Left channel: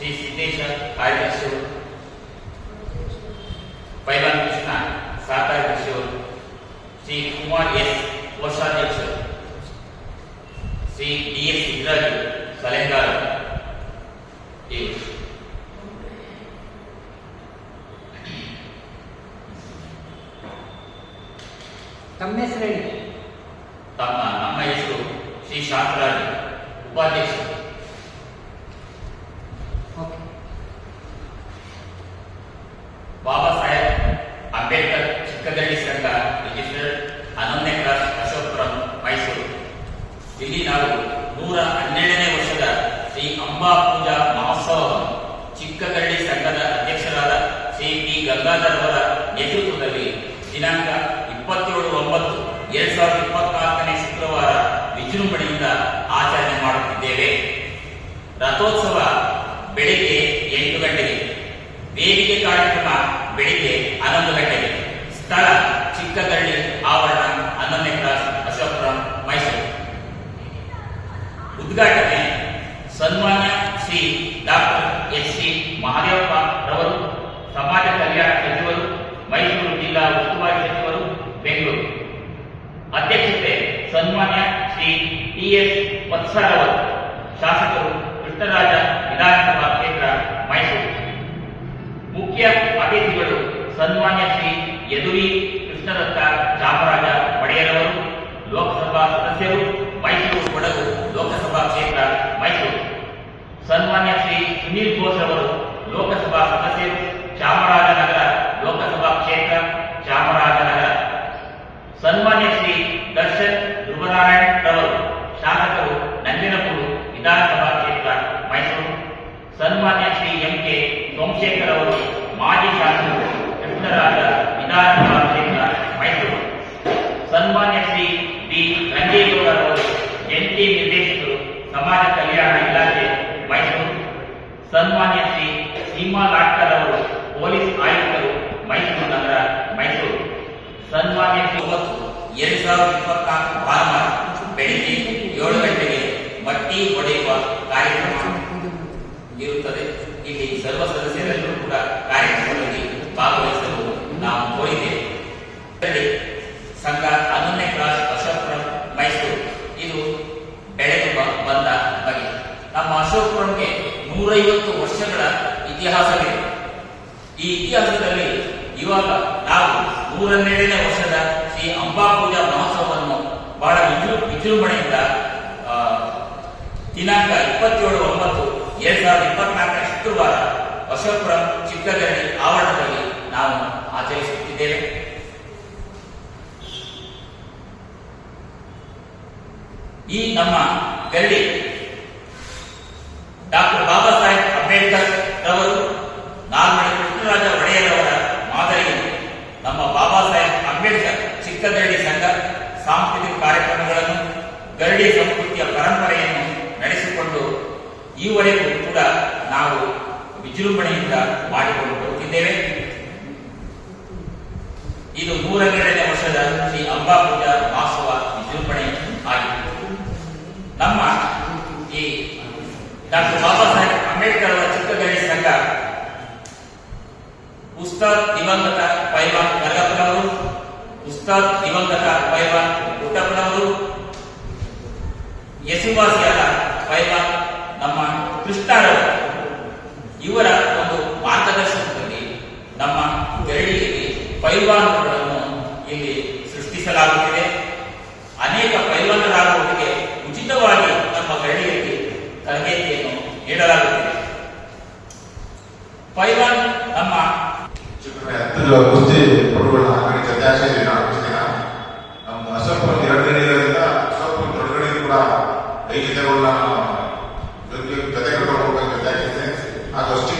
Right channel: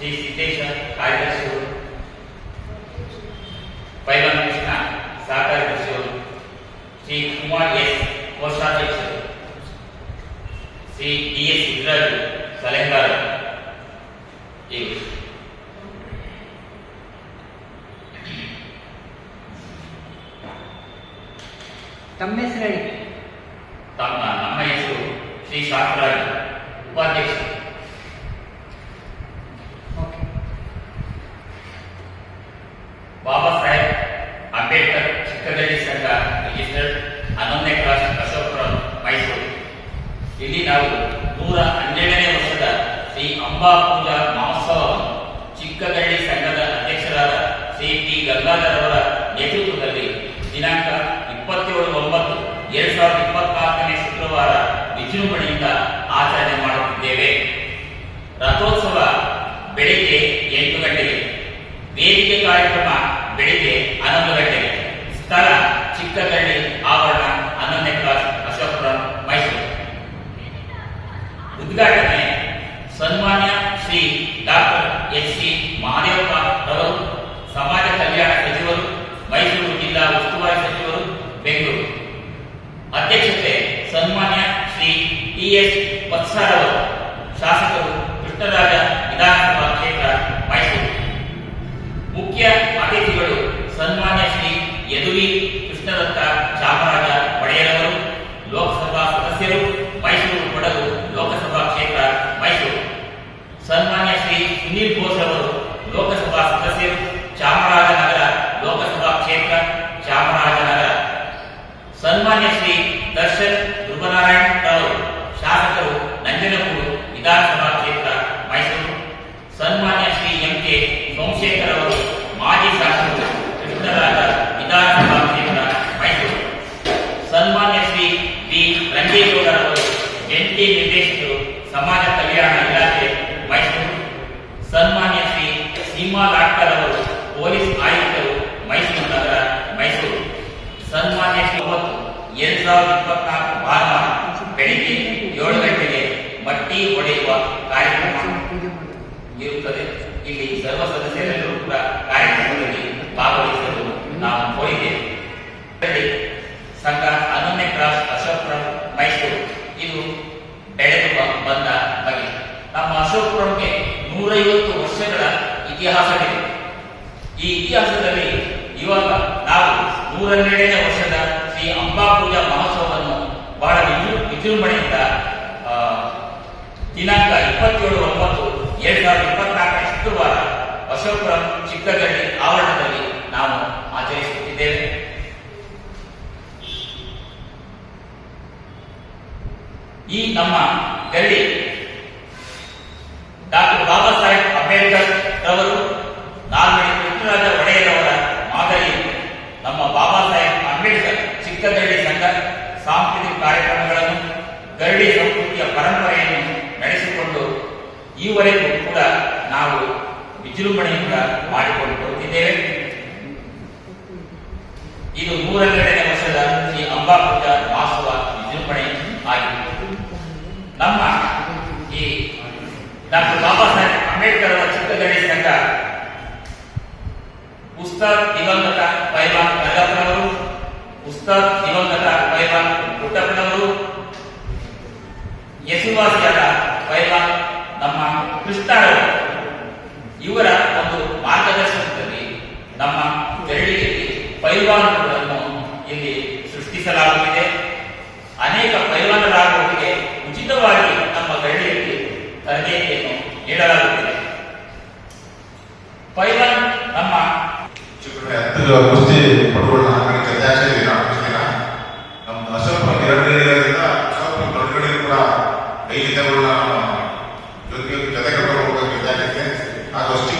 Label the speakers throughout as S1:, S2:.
S1: ಶ್ರೀ ಸಿದ್ದೇಶ ಕಾರ್ಯದರ್ಶಿಗಳು ಪೈವಾನ್ ಕೃಷ್ಣ ಸಹಕಾರಿ ಕೃಷಿಯವರು Shri Kumar S ಕೋಶಾಧ್ಯಕ್ಷರು Shri D S Siddaraju ಸಲಹೆಗಾರರು ಇವರು
S2: ತಮ್ಮ ಹೆಸರು ಹೇಳಿ
S1: ತಮ್ಮ ನಮ್ಮ ಹೆಸರು ಶ್ರೀ ಶಾಸ್ತ್ರಾಜು ಉಪಾಧ್ಯಕ್ಷರು ಬಾಬಾ ಸಾಹೇಬ್ ಅಂಬೇಡ್ಕರ್ ಚಿಕ್ಕದಳ್ಳಿ ಸಂಘ ರಿಜಿಸ್ಟರ್ಡ್ ಹನ್ನೊಂದನೇ ಕ್ರಾಸ್ ಅಶೋಕಪುರಂ, ಮೈಸೂರು. ಇಲ್ಲಿ ನಾವು ನೂರ ಹನ್ನೆರಡನೇ ವರ್ಷದ ಶ್ರೀ ಅಂಬಾ ಪೂಜಾ ಮಹೋತ್ಸವವನ್ನು ಚಿಕ್ಕಗಳ್ಳಿ ಸಂಘದ ಅಧ್ಯಕ್ಷರಾದ ಶ್ರೀ ಟಿ ಗಂಗಾಧರ್ ಅವರ ನೇತೃತ್ವದಲ್ಲಿ ದಿನಾಂಕ ಇಪ್ಪತ್ತೇಳು ಒಂಬತ್ತು, ಎರಡ್ ಸಾವಿರದ ಇಪ್ಪತ್ನಾಲ್ಕನೇ ಶುಕ್ರವಾರ ವಿಜೃಂಭಣೆಯಿಂದ ಆಚರಣೆ ಮಾಡುತ್ತಿದ್ದೇವೆ. ರಥೋತ್ಸವ ಬೆಳಿಗ್ಗೆ ಎಂಟು ಗಂಟೆಗೆ. ವೇದಿಕೆ ಕಾರ್ಯಕ್ರಮ ಗಂಟೆಗೆ. ಸ್ಥಳ ಚಿಕ್ಕಗಳ್ಳಿ ಆವರಣ, ಹನ್ನೊಂದನೇ ಕ್ಲಾಸ್ ಅಶೋಕಪುರಂ, ಮೈಸೂರು. ಉದ್ಘಾಟನೆ ಸನ್ಮಾನ್ಯ Shri doctor S C Mahadevappa ರವರು, ಸಮಾಜ ಕಲ್ಯಾಣ ಸಚಿವರು, ಮೈಸೂರು ಜಿಲ್ಲಾ ಉಸ್ತುವಾರಿ ಸಚಿವರು, ಬೆಂಗಳೂರು. ಅಧ್ಯಕ್ಷತೆ ಸನ್ಮಾನ್ಯ ಶ್ರೀ ಟಿ ಎಸ್ ವತ್ಸರವರು ಶಾಸಕರು ಕೃಷ್ಣರಾಜ ವಿಧಾನಸಭಾ ಕ್ಷೇತ್ರ ಮೈಸೂರು. ಮುಖ್ಯ ಅತಿಥಿಗಳು ಸನ್ಮಾನ್ಯ ಶ್ರೀ ಯದುವಿ ಕೃಷ್ಣದತ್ತ ಚಾಮರಾಜ ಒಡೆಯರವರು, ಲೋಕಸಭಾ ಸದಸ್ಯರು, ಮೈಸೂರು ಕೊಡಗು ಲೋಕಸಭಾ ಕ್ಷೇತ್ರ ಮೈಸೂರು. ಸನ್ಮಾನ್ಯ ಶ್ರೀ ಸುನೀಲ್ ಘೋಷ್ ಅವರು ಲೋಕಸಭಾ ಸದಸ್ಯರು ಚಾಮರಾಜನಗರ ಲೋಕಸಭಾ ಕ್ಷೇತ್ರ ಚಾಮರಾಜನಗರ ಸನ್ಮಾನ್ಯ ಶ್ರೀ ದರ್ಶನ್ ಧ್ರುವನಾರಾಯಣ್ ರವರು, ಶಾಸಕರು ನಂಜನಗೂಡು ವಿಧಾನಸಭಾ ಕ್ಷೇತ್ರ ಮೈಸೂರು. ಸನ್ಮಾನ್ಯ ಶ್ರೀ ಎಂ ಕೆ ಸೋಮಶೇಖರ್ ಅವರು ಮಾಜಿ ಶಾಸಕರು ಕೃಷ್ಣರಾಜ ವಿಧಾನಸಭಾ ಕ್ಷೇತ್ರ ಮೈಸೂರು ಸನ್ಮಾನ್ಯ ಶ್ರೀ ಬಿ ರಂಗೇಗೌಡರವರು ಜಂಟಿ ನಿರ್ದೇಶಕರು ಸಮಾಜ ಕಲ್ಯಾಣ ಇಲಾಖೆ ಮೈಸೂರು ಸನ್ಮಾನ್ಯ ಶ್ರೀ ಸೀಮಾ ಲಾಟ್ಕರ್ ಅವರು ಪೊಲೀಸ್ ಆಯುಕ್ತರು ಮೈಸೂರು ನಗರ ಮೈಸೂರು ಸನ್ಮಾನ್ಯ ಶ್ರೀ ಒಂಬತ್ತು ಎರಡ್ ಸಾವಿರದ ಇಪ್ಪತ್ನಾಲ್ಕು ಭಾನುವಾರ ಬೆಳಿಗ್ಗೆ ಏಳು ಗಂಟೆಗೆ ಮಟ್ಟಿ ಹೊಡೆಯುವ ಕಾರ್ಯಕ್ರಮ ಇರುತ್ತದೆ ಇಲ್ಲಿ ಸರ್ವ ಸದಸ್ಯರೆಲ್ಲರೂ ಕೂಡ ಕಾರ್ಯಕ್ರಮದಲ್ಲಿ ಭಾಗವಹಿಸಲು ನಾವು ಕೋರಿದ್ದೇವೆ ಸಂಘ ಹನ್ನೊಂದನೇ ಕ್ರಾಸ್ ಅಶೋಕ್ರಂ ಮೈಸೂರು. ಇದು ಬೆಳೆದು ಬಂದ ಬಗೆ. ನಮ್ಮ ಅಶೋಕ್ರಂಗೆ ನೂರೈವತ್ತು ವರ್ಷಗಳ ಇತಿಹಾಸವಿದೆ. ಈ ಇತಿಹಾಸದಲ್ಲಿ ಇವಾಗ ನಾವು ನೂರನ್ನೆರಡನೇ ವರ್ಷದ ಶ್ರೀ ಅಂಬಾ ಪೂಜಾ ಮಹೋತ್ಸವವನ್ನು ಬಹಳ ವಿಜೃ, ವಿಜೃಂಭಣೆಯಿಂದ ದಿನಾಂಕ ಇಪ್ಪತ್ತೇಳು ಒಂಬತ್ತು ಎರಡ್ ಸಾವಿರದ ಇಪ್ಪತ್ನಾಲ್ಕನೇ ಶುಕ್ರವಾರ ಅಶೋಕಪುರಂ ಚಿಕ್ಕಗಳ್ಳಿ ಆವರಣದಲ್ಲಿ ನಾವು ಆಚರಿಸುತ್ತಿದ್ದೇವೆ. ಈ ನಮ್ಮ ಗಲ್ಲಿ ಡಾಕ್ಟರ್ ಬಾಬಾ ಸಾಹೇಬ್ ಅಂಬೇಡ್ಕರ್ ರವರು ನಾಲ್ಮಡಿ ಪೃಥ್ವಿರಾಜ ಒಡೆಯರವರ ಮಾದರಿ ನಮ್ಮ ಬಾಬಾ ಸಾಹೇಬ್ ಅಂಬೇಡ್ಕರ್ ಚಿಕ್ಕದಳ್ಳಿ ಸಂಘ ಸಾಂಸ್ಕೃತಿಕ ಕಾರ್ಯಕ್ರಮಗಳನ್ನು ಗರಡಿ ಸಂಸ್ಕೃತಿಯ ಪರಂಪರೆಯನ್ನು ನಡೆಸಿಕೊಂಡು ಈವರೆಗೂ ಕೂಡ ನಾವು ವಿಜೃಂಭಣೆಯಿಂದ ಮಾಡಿಕೊಂಡು ಬರುತ್ತಿದ್ದೇವೆ. ಇದು ನೂರನ್ನೆರಡನೇ ವರ್ಷದ ಶ್ರೀ ಅಂಬಾ ಪೂಜಾ ಮಹೋತ್ಸವ ವಿಜೃಂಭಣೆ ಆಗಿತ್ತು ನಮ್ಮ ಈ ಡಾಕ್ಟರ್ ಬಾಬಾ ಸಾಹೇಬ್ ಅಂಬೇಡ್ಕರ್ ಅವರ ಚಿಕ್ಕಗಳ್ಳಿ ಸಂಘ ಉಸ್ತಾದ್ ದಿವಂಗತ ಪೈಲ್ವಾನ್ ಗರ್ಗಪ್ಪನವರು ಉಸ್ತಾದ್ ದಿವಂಗತ ಪೈಲ್ವಾನ್ ಪುಟ್ಟಪ್ಪನವರು ಹೆಸರುವಾಸಿಯಾದ ಪೈಲ್ವಾನ್ ನಮ್ಮ ಕೃಷ್ಣರವರು. ಇವರ ಒಂದು ಮಾರ್ಗದರ್ಶನದಲ್ಲಿ ನಮ್ಮ ಬೆರಳಿಯಲ್ಲಿ ಪೈಲ್ವಾನ್ಗಳನ್ನು ಇಲ್ಲಿ ಸೃಷ್ಟಿಸಲಾಗುತ್ತಿದೆ. ಅನೇಕ ಪೈಲ್ವಾನರಾಗುವವರಿಗೆ ಉಚಿತವಾಗಿ ನಮ್ಮ ಬೆರಳಿಯಲ್ಲಿ ತರಬೇತಿಯನ್ನು ನೀಡಲಾಗುತ್ತಿದೆ. ಪೈಲ್ವಾನ್ ನಮ್ಮ
S3: ಕುಸ್ತಿ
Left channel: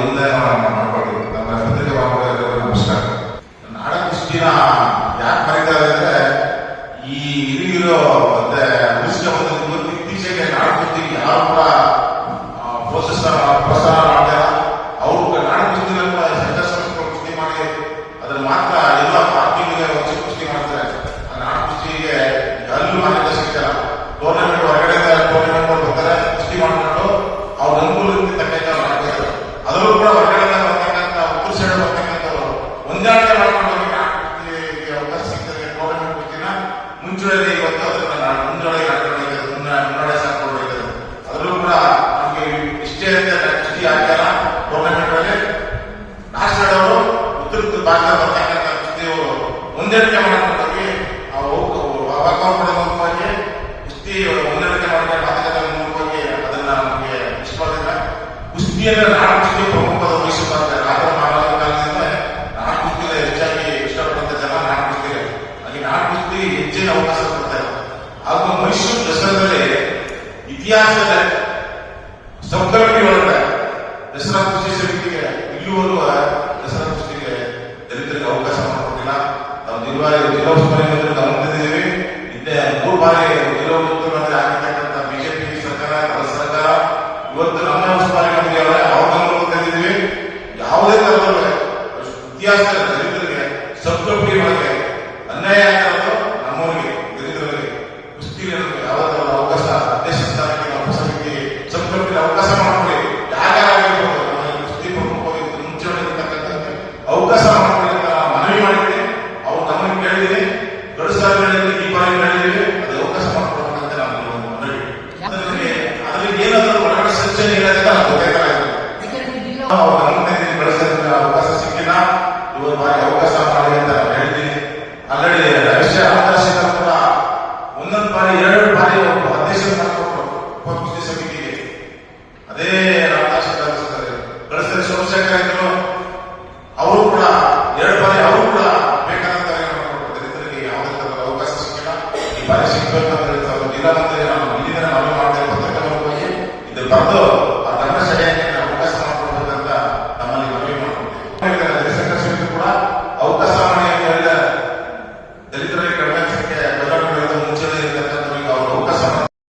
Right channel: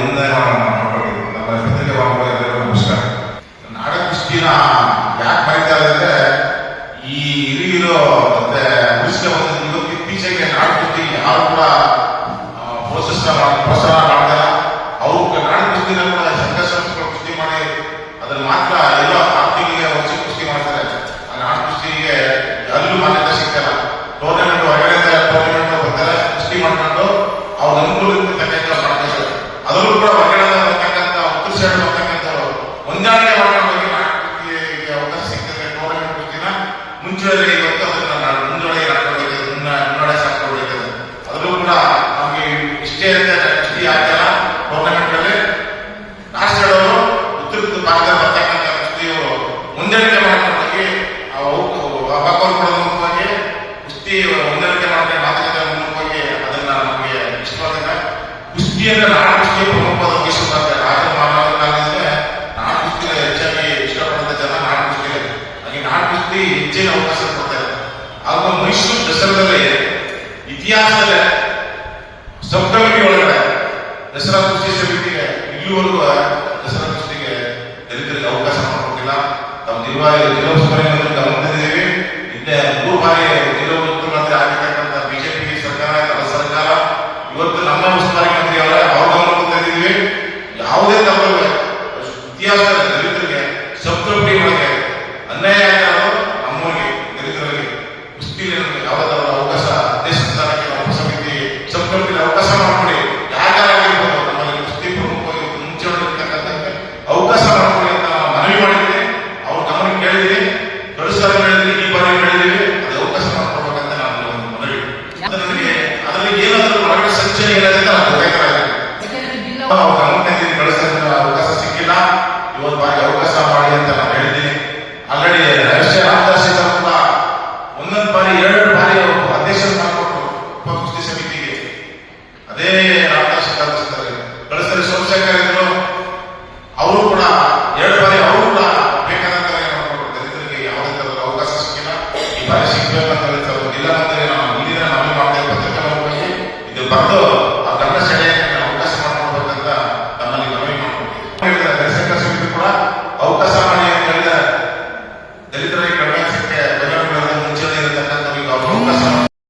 S3: ఉందన్నమాట ಹೊಂದಾಣಿಕೆ ಮಾಡೋ ಬಗ್ಗೆ ಅವಕಾಶ ಸಿಗ್ತದೆ ನೋಡೋಣ ದಿನ ಮುಂಚೂಣಿ ಅದನ್ನ ಮುಂದೊಳಗೆ ಹಾಕೋಬೇಕು ಮುನ್ನ ಮುಂದೊಳಗೆ ಅದರಲ್ಲೂ ಕೂಡ ನಮಗೆ ಇಷ್ಟೇ ಅಂತ ಇಷ್ಟೇ ಆ ಜನ ಗೌರ್ಮೆಂಟಲ್ಲಿ ಉತ್ತರ ಭಾಗದ ಬರ್ತಕ್ಕಂಥ ವ್ಯಕ್ತಿಯವರು ಕುಸ್ತಿ ಹೊಂದಾಣಿಕೆ ಮಾತುಕತೆ ಮೂಲಕವಾಗಿ ಅದನ್ನ ನಮಗೆ ಇಷ್ಟವಾದ ಕುಸ್ತಿಯನ್ನು ನಾಡ ಕಲಿಕೆಗೆ ಅವಕಾಶ ಕೊಡ್ತಾರೆ ಹಾಗೂ ಮೈಸೂರು ದಸರಾದಲ್ಲಿ ಇತಿಹಾಸದ ಸಬ್ ಕಮಿಟಿ ದಸರಾ ಕುಸ್ತಿ ಸಮಿತಿಗೆ ಇಲ್ಲಿವರೆಗೂ ದಸರಾ ಕುಸ್ತಿಗೆ ದಲಿತರಿಗೆ ಅವಕಾಶ ಮಾಡಿಕೊಟ್ಟಿಲ್ಲ. ನಾವು ನಿರ್ವಹಣೆ ಜಿಲ್ಲಾ ಉಸ್ತುವಾರಿ ಗಮನದಲ್ಲಿದ್ದೇವೆ ಮೂರು ಬಾರಿ ಅವಕಾಶ ಸಿಕ್ಕಿಲ್ಲ. ಇವತ್ತು ಬಾರಿ ಅವಕಾಶ